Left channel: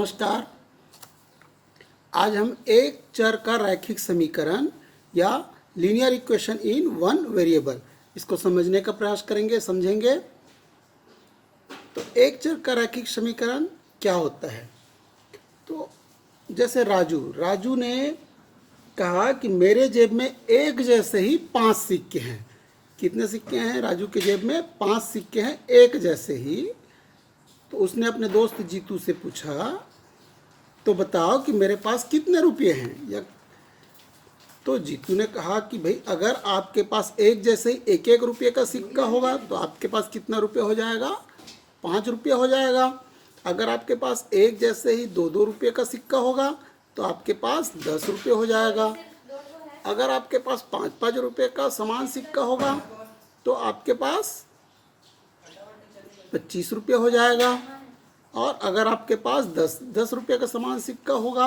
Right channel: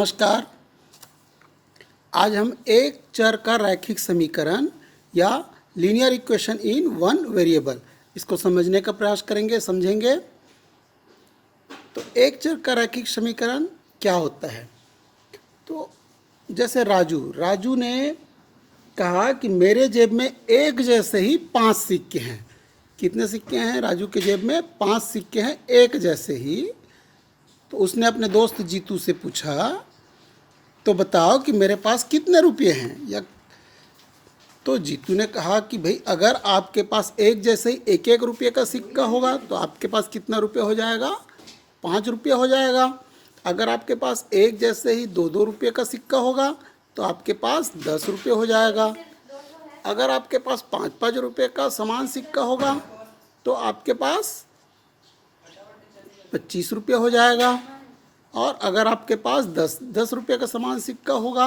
नमस्कार। आज हम एक चर का रैखिक समीकरण या linear equation in one variable इसको समझने का प्रयास करेंगे, समझेंगे। तो एक चर का रैखिक समीकरण क्या होता है? तो जैसे राजू ने कहा कि मेरे जेब में एक जैसे ही 5 सिक्के हैं। कितने सिक्के हैं? राजू के जेब में 5 सिक्के हैं एक जैसे ही। तो उसने अपने दोस्त जीतू से पूछा, तो बताओ कि मेरे पास कितने रुपये हैं। या तो जीतू ने कहा कि भाई अगर आपके पास एक जैसे ही एक एक रुपये का सिक्का होगा तो आपके पास कितना रुपये हो जाएगा? 5 रुपये हो जाएगा। अगर आपके पास एक जैसे ही दो दो रुपये का सिक्का होगा तो आपके पास 10 रुपये हो जाएगा। अगर आपके पास 5-5 रुपये का समान सिक्का होगा तो आपके पास 25 रुपये हो जाएगा। और अगर आपके पास 10 रुपये का समान सिक्का होगा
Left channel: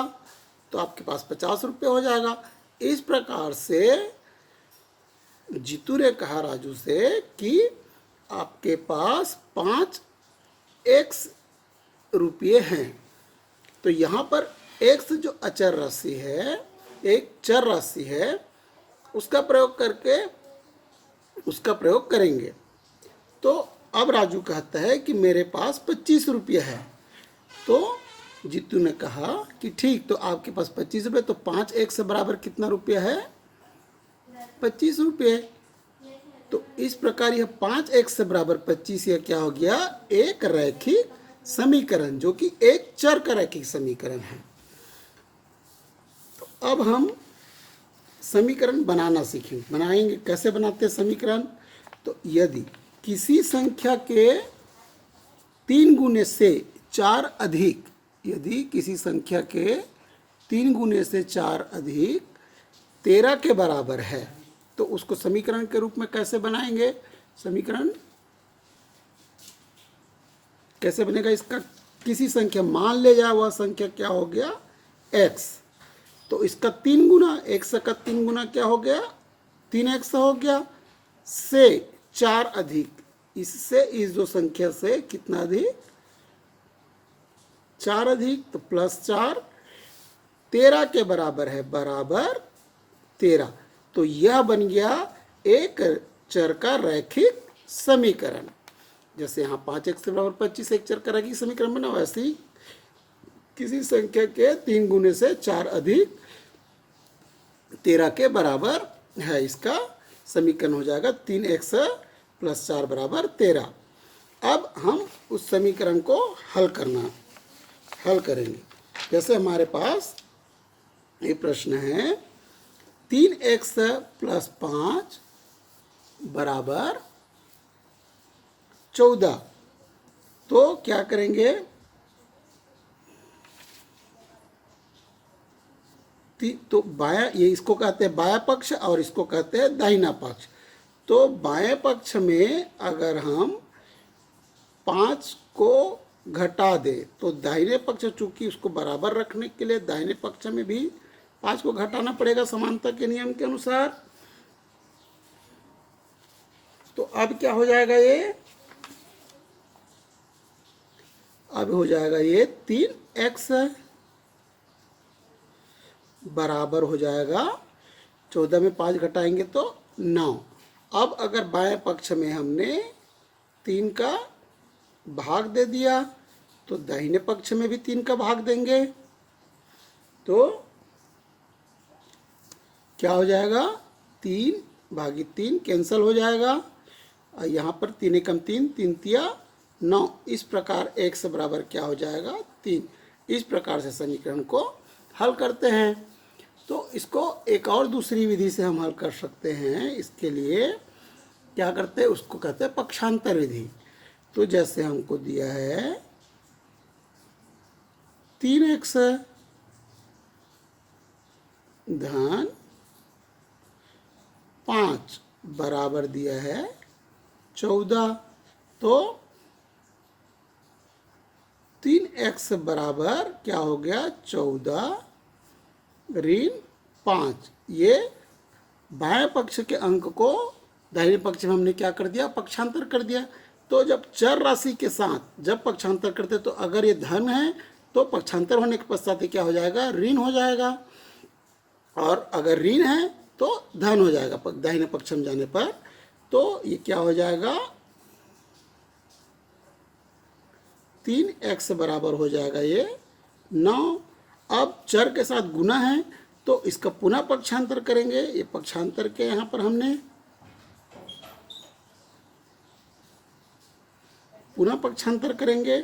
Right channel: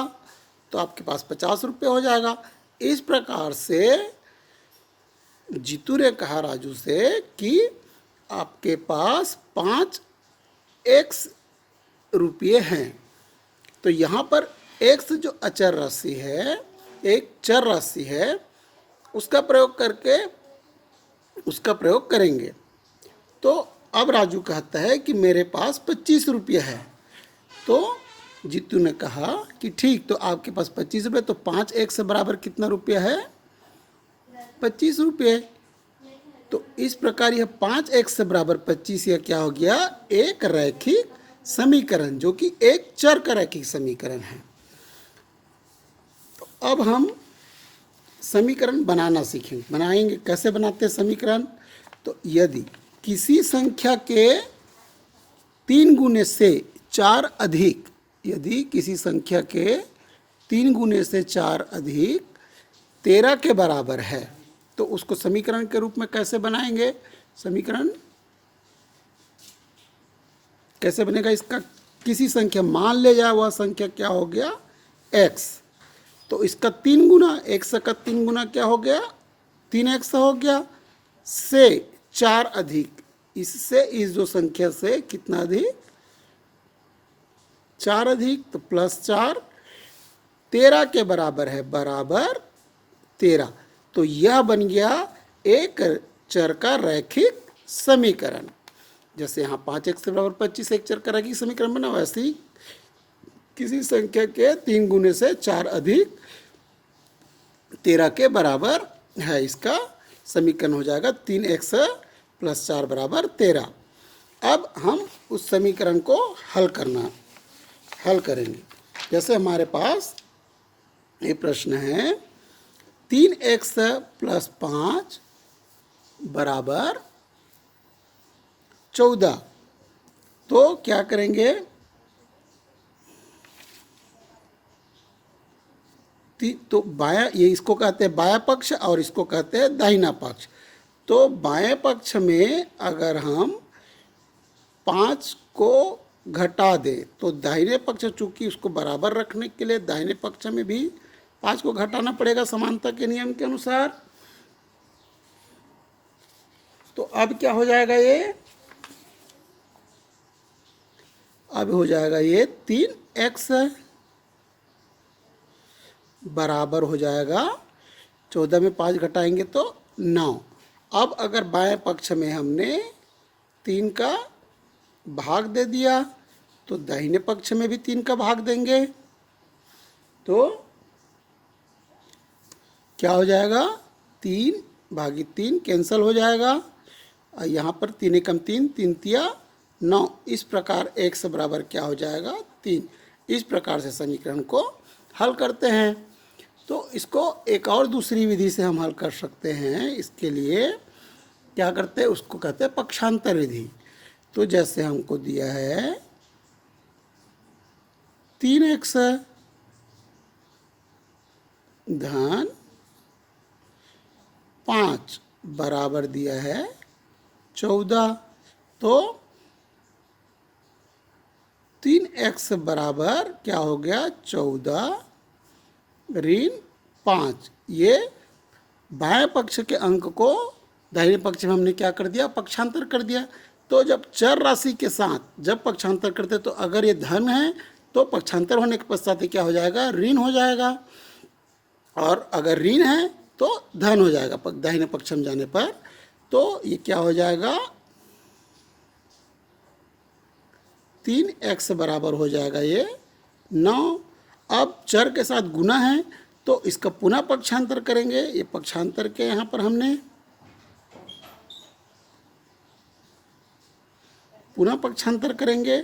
तो आपके पास 50 रुपये हो जाएगा। इस प्रकार से जीतू ने कहा राजू से कि आपके पास 5x रुपये हैं। तो यहाँ पर x जो अचर राशि है, एक चर राशि है, उसका प्रयोग करेंगे। तो अब राजू कहता है कि मेरे पास 25 रुपये है। तो जीतू ने कहा कि ठीक, तो आपके पास 25 रुपये, तो 5x बराबर कितना रुपया है? 25 रुपये। तो इस प्रकार यह 5x बराबर 25 यह क्या हो गया? एक रैखिक समीकरण, जो कि एक चर का रैखिक समीकरण है। तो अब हम समीकरण बनाना बनाएंगे। कैसे बनाते हैं समीकरण? तो यदि किसी संख्या के 3 गुने से 4 अधिक, यदि किसी संख्या के 3 गुने से 4 अधिक 13 के बराबर है तो उसको समीकरण के रूप में कैसे बनाएंगे? समीकरण कैसे बनेगा इसका? किसी संख्या मान ले जाए, वह संख्या क्या हो गया? x। तो इसका 3 गुना, x का 3 गुना क्या हो गया? 3x हो गया। से 4 अधिक, इससे इस जो संख्या से कितना अधिक? 4 अधिक, तो +4 13 के बराबर है, बराबर 13। तो यह बन गया एक चर का रैखिक समीकरण। जैसे यहाँ 5x बराबर 25 एक चर का रैखिक समीकरण बना, वैसे ही किसी संख्या के 3 गुने से 4 अधिक 13 के बराबर है, इसका समीकरण हो जाएगा 3x + 4 बराबर 13। अब हम उस समीकरण को हल करेंगे। जैसे हमारे पास ये प्रश्न है 3x + 5 बराबर 14। तो क्या करेंगे? तो बायां, ये इसको कहते हैं बायां पक्ष और इसको कहते हैं दाहिना पक्ष। तो बाएं पक्ष में अगर हम 5 को घटा दे तो दाहिने पक्ष, चूंकि उसको बराबर रखने के लिए दाहिने पक्ष में भी 5 को घटाना पड़ेगा समानता के नियम के अनुसार। तो अब क्या हो जाएगा? ये अब हो जाएगा ये 3x बराबर हो जाएगा 14 में 5 घटाएंगे तो 9। अब अगर बाएं पक्ष में हमने 3 का भाग दे दिया तो दाहिने पक्ष में भी 3 का भाग देंगे तो क्या हो जाएगा? 3 भागी 3 कैंसिल हो जाएगा। और यहाँ पर 3 एकम 3, 3 तिया 9। इस प्रकार x बराबर क्या हो जाएगा? 3। इस प्रकार से समीकरण को हल करते हैं। तो इसको एक और दूसरी विधि से हम हल कर सकते हैं। इसके लिए क्या करते हैं? उसको कहते हैं पक्षांतर विधि। तो जैसे हमको दिया है 3x धन 5 बराबर दिया है 14। तो 3x बराबर क्या हो गया? 14 ऋण 5। ये बाएं पक्ष के अंक को दाहिने पक्ष में हमने क्या कर दिया? पक्षांतर कर दिया। तो जब चर राशि के साथ जब पक्षांतर करते तो अगर ये धन है तो पक्षांतर होने के पश्चात ये क्या हो जाएगा, ऋण हो जाएगा। और अगर ऋण है तो धन हो जाएगा दाहिने पक्ष में जाने पर। तो ये क्या हो जाएगा, 3x बराबर हो जाएगा ये 9। अब चर के साथ गुना है तो इसका पुनः पक्षांतर करेंगे। ये पक्षांतर के यहाँ पर हमने पुनः पक्षांतर करेंगे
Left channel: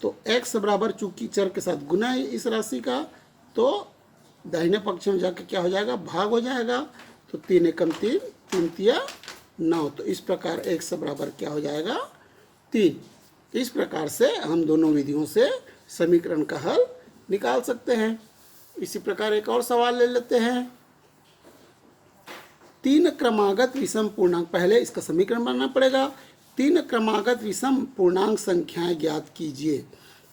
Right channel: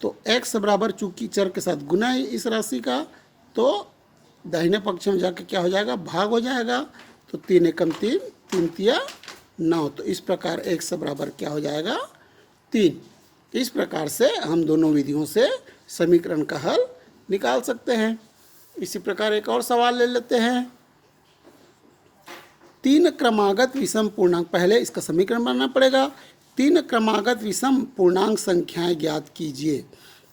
तो x बराबर, चूंकि चर के साथ गुना है इस राशि का, तो दाहिने पक्ष में जाके क्या हो जाएगा, भाग हो जाएगा। तो 3 एकम 3, 3 तिया 9। तो इस प्रकार x बराबर क्या हो जाएगा, 3। इस प्रकार से हम दोनों विधियों से समीकरण का हल निकाल सकते हैं। इसी प्रकार एक और सवाल ले लेते हैं। 3 क्रमागत विषम पूर्णांक, पहले इसका समीकरण बनाना पड़ेगा। 3 क्रमागत विषम पूर्णांक संख्याएं ज्ञात कीजिए।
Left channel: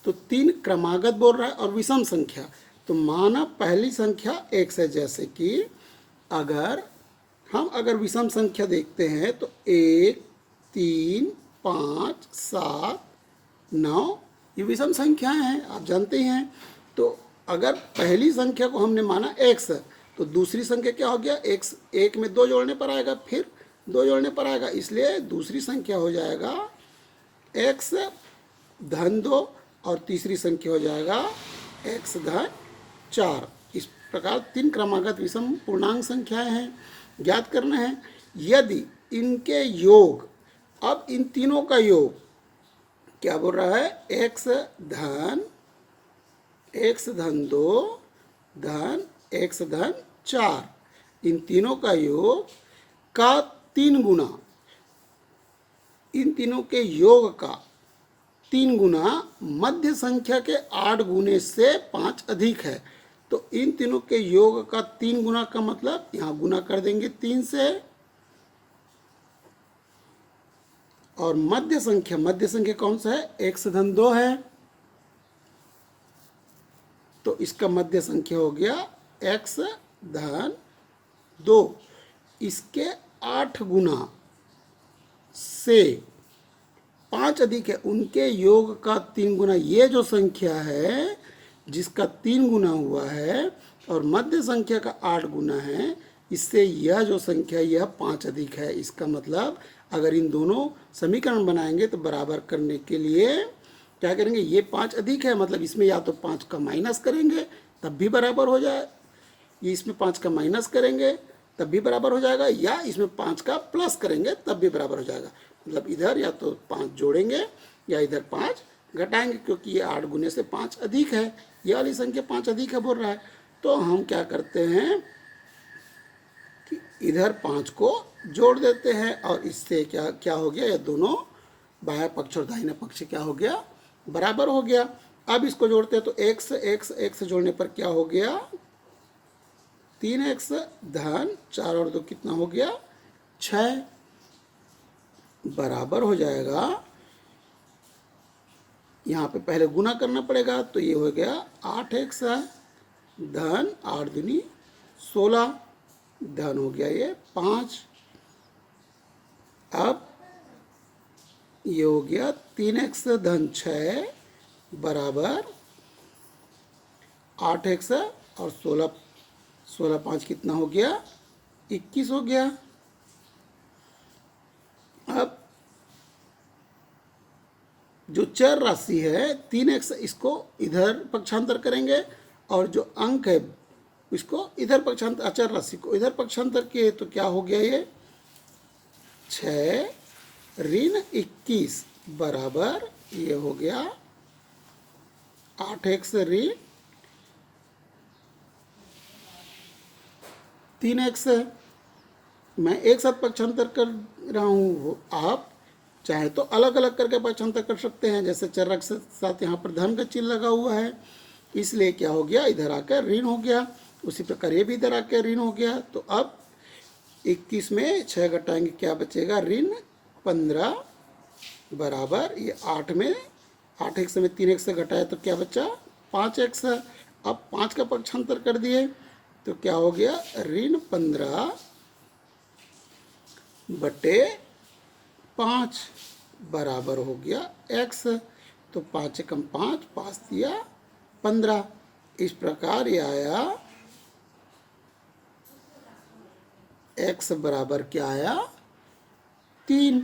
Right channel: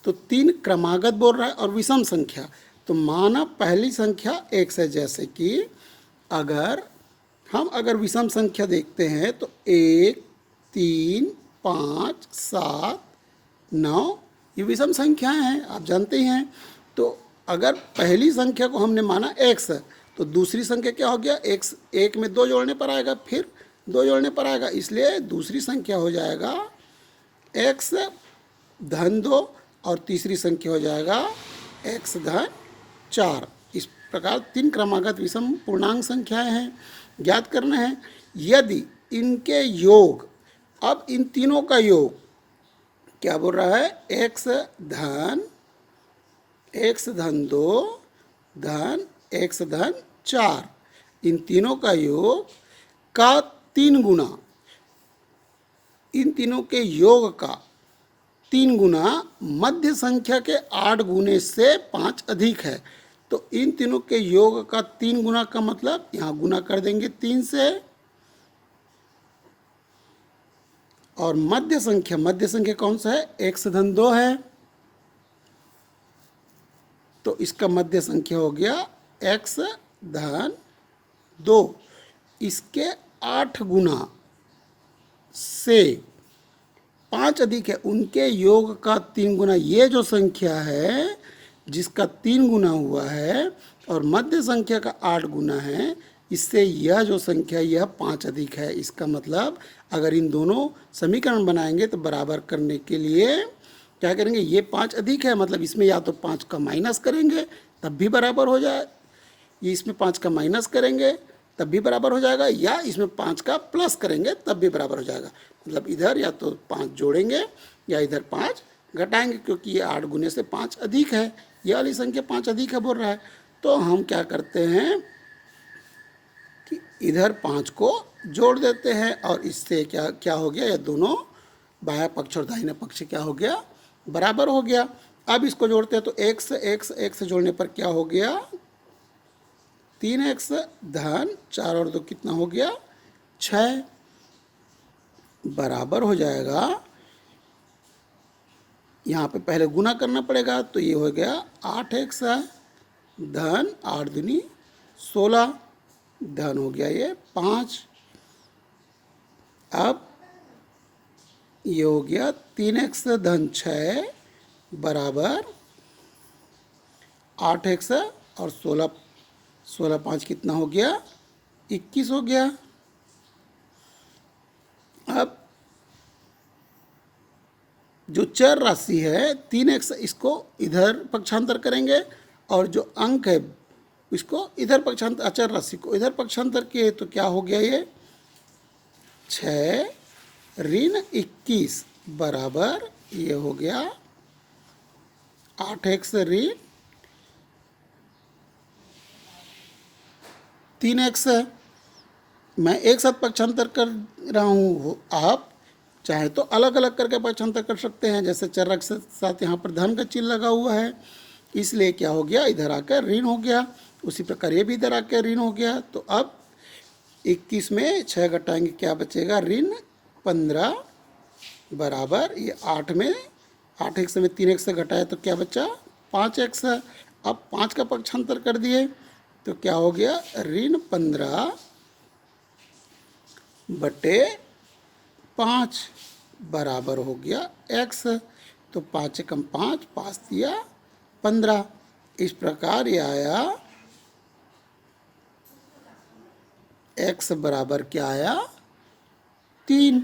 तो 3 क्रमागत बोल रहा है और विषम संख्या, तो माना पहली संख्या x है। जैसे कि अगर विषम संख्या देखते हैं तो 1, 3, 5, 7, 9 ये विषम संख्याएं हैं, आप जानते ही हैं। तो अगर पहली संख्या को हमने माना x तो दूसरी संख्या क्या हो गया, x 1 में 2 जोड़ने पर आएगा, फिर 2 जोड़ने पर आएगा, इसलिए दूसरी संख्या हो जाएगा x धन 2 और तीसरी संख्या हो जाएगा x धन 4। इस प्रकार 3 क्रमागत विषम पूर्णांक संख्याएं हैं, ज्ञात करना है। यदि इनके योग, अब इन तीनों का योग क्या बोल रहा है, x धन 2 धन x धन 4, इन तीनों का योग का 3 गुना, इन तीनों के योग का 3 गुना मध्य संख्या के 8 गुने से 5 अधिक है। तो इन तीनों के योग का 3 गुना का मतलब यहाँ गुना कर देंगे 3 से, और मध्य संख्या कौन सा है, x धन 2 है, तो इसका मध्य संख्या हो गया x धन 2। इसके 8 गुना से 5 अधिक है, उनके योग का 3 गुना। ये जो संख्या है जिसका 3 गुना हुआ है और मध्य संख्या का 8 गुना है, इससे यह जो संख्या यह 5 अधिक है। इसका मतलब अगर इन दोनों समीकरण बनाएंगे तो बराबर करने के लिए क्या करेंगे, ये 5 अधिक है मतलब इसमें या तो 5 का माइनस करेंगे तब भी बराबर हो जाए, ये इसमें 5 का माइनस करेंगे तब भी बराबर हो जाएगा, या इसमें 5 का प्लस करेंगे तब भी बराबर हो जाएगा। मतलब इधर या तो 5 जोड़ेंगे या इधर 5 घटाएंगे, क्योंकि ये 8 गुने से 5 अधिक है, ये वाली संख्या 5 अधिक है बोल रहा है। तो हम क्या करते हैं कि इधर 5 को जोड़ देते हैं और इससे क्या हो गया, ये दोनों बाह्य पक्ष और दाहिने पक्ष क्या हो गया, बराबर हो गया। अब इसको जोड़ते हैं तो x जोड़ने पर क्या हो गया, 3x धन 4 और 2 कितना हो गया, 6 बराबर हो जाएगा। यहाँ पे पहले गुना करना पड़ेगा, तो ये हो गया 8x धन 8 दूनी 16 धन हो गया ये 5। अब ये हो गया 3x धन 6 बराबर 8x और 16 5 कितना हो गया, 21 हो गया। अब जो चर राशि है 3x, इसको इधर पक्षांतर करेंगे और जो अंक है इसको इधर पक्षांतर, अचर राशि को इधर पक्षांतर किए तो क्या हो गया, ये 6 ऋण 21 बराबर ये हो गया 8x ऋण 3x। मैं एक साथ पक्षांतर कर रहा हूँ, आप चाहे तो अलग अलग करके पक्षांतर कर सकते हैं। जैसे चर के साथ यहाँ पर धन का चिन्ह लगा हुआ है, इसलिए क्या हो गया, इधर आकर ऋण हो गया। उसी प्रकार ये भी इधर आकर ऋण हो गया। तो अब 21 में 6 घटाएंगे क्या बचेगा, ऋण 15 बराबर ये 8 में 8x में 3x से घटाया तो क्या बचा, 5x। अब 5 का पक्षांतर कर दिए तो क्या हो गया, ऋण 15 बटे 5 बराबर हो गया x। तो 5 एकम 5, 5 दिया 15। इस प्रकार ये आया x बराबर क्या आया 3।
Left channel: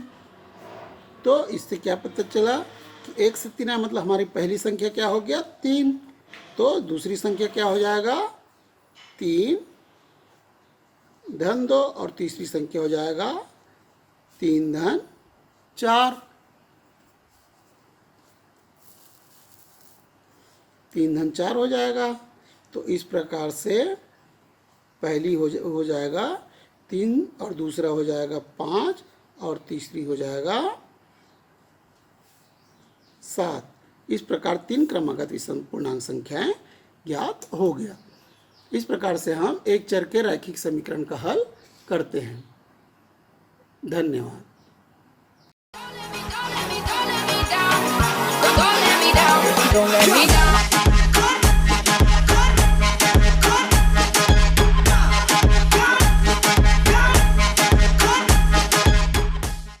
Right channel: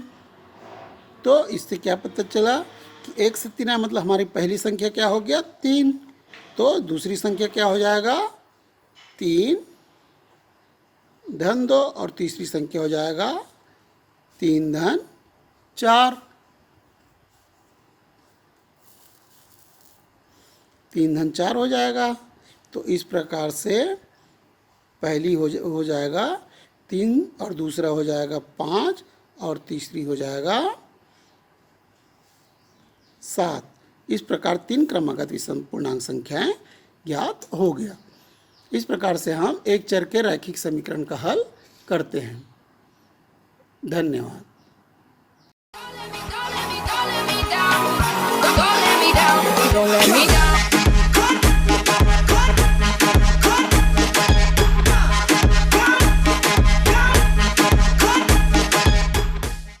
तो इससे क्या पता चला कि 1 से 3 आया, मतलब हमारी पहली संख्या क्या हो गया 3। तो दूसरी संख्या क्या हो जाएगा 3 धन 2 और तीसरी संख्या हो जाएगा 3 धन 4। 3 धन 4 हो जाएगा। तो इस प्रकार से पहली हो जाएगा 3 और दूसरा हो जाएगा 5 और तीसरी हो जाएगा 7। इस प्रकार 3 क्रमागत विषम पूर्णांक संख्याएं ज्ञात हो गया। इस प्रकार से हम एक चर के रैखिक समीकरण का हल करते हैं। धन्यवाद। Don't let me down.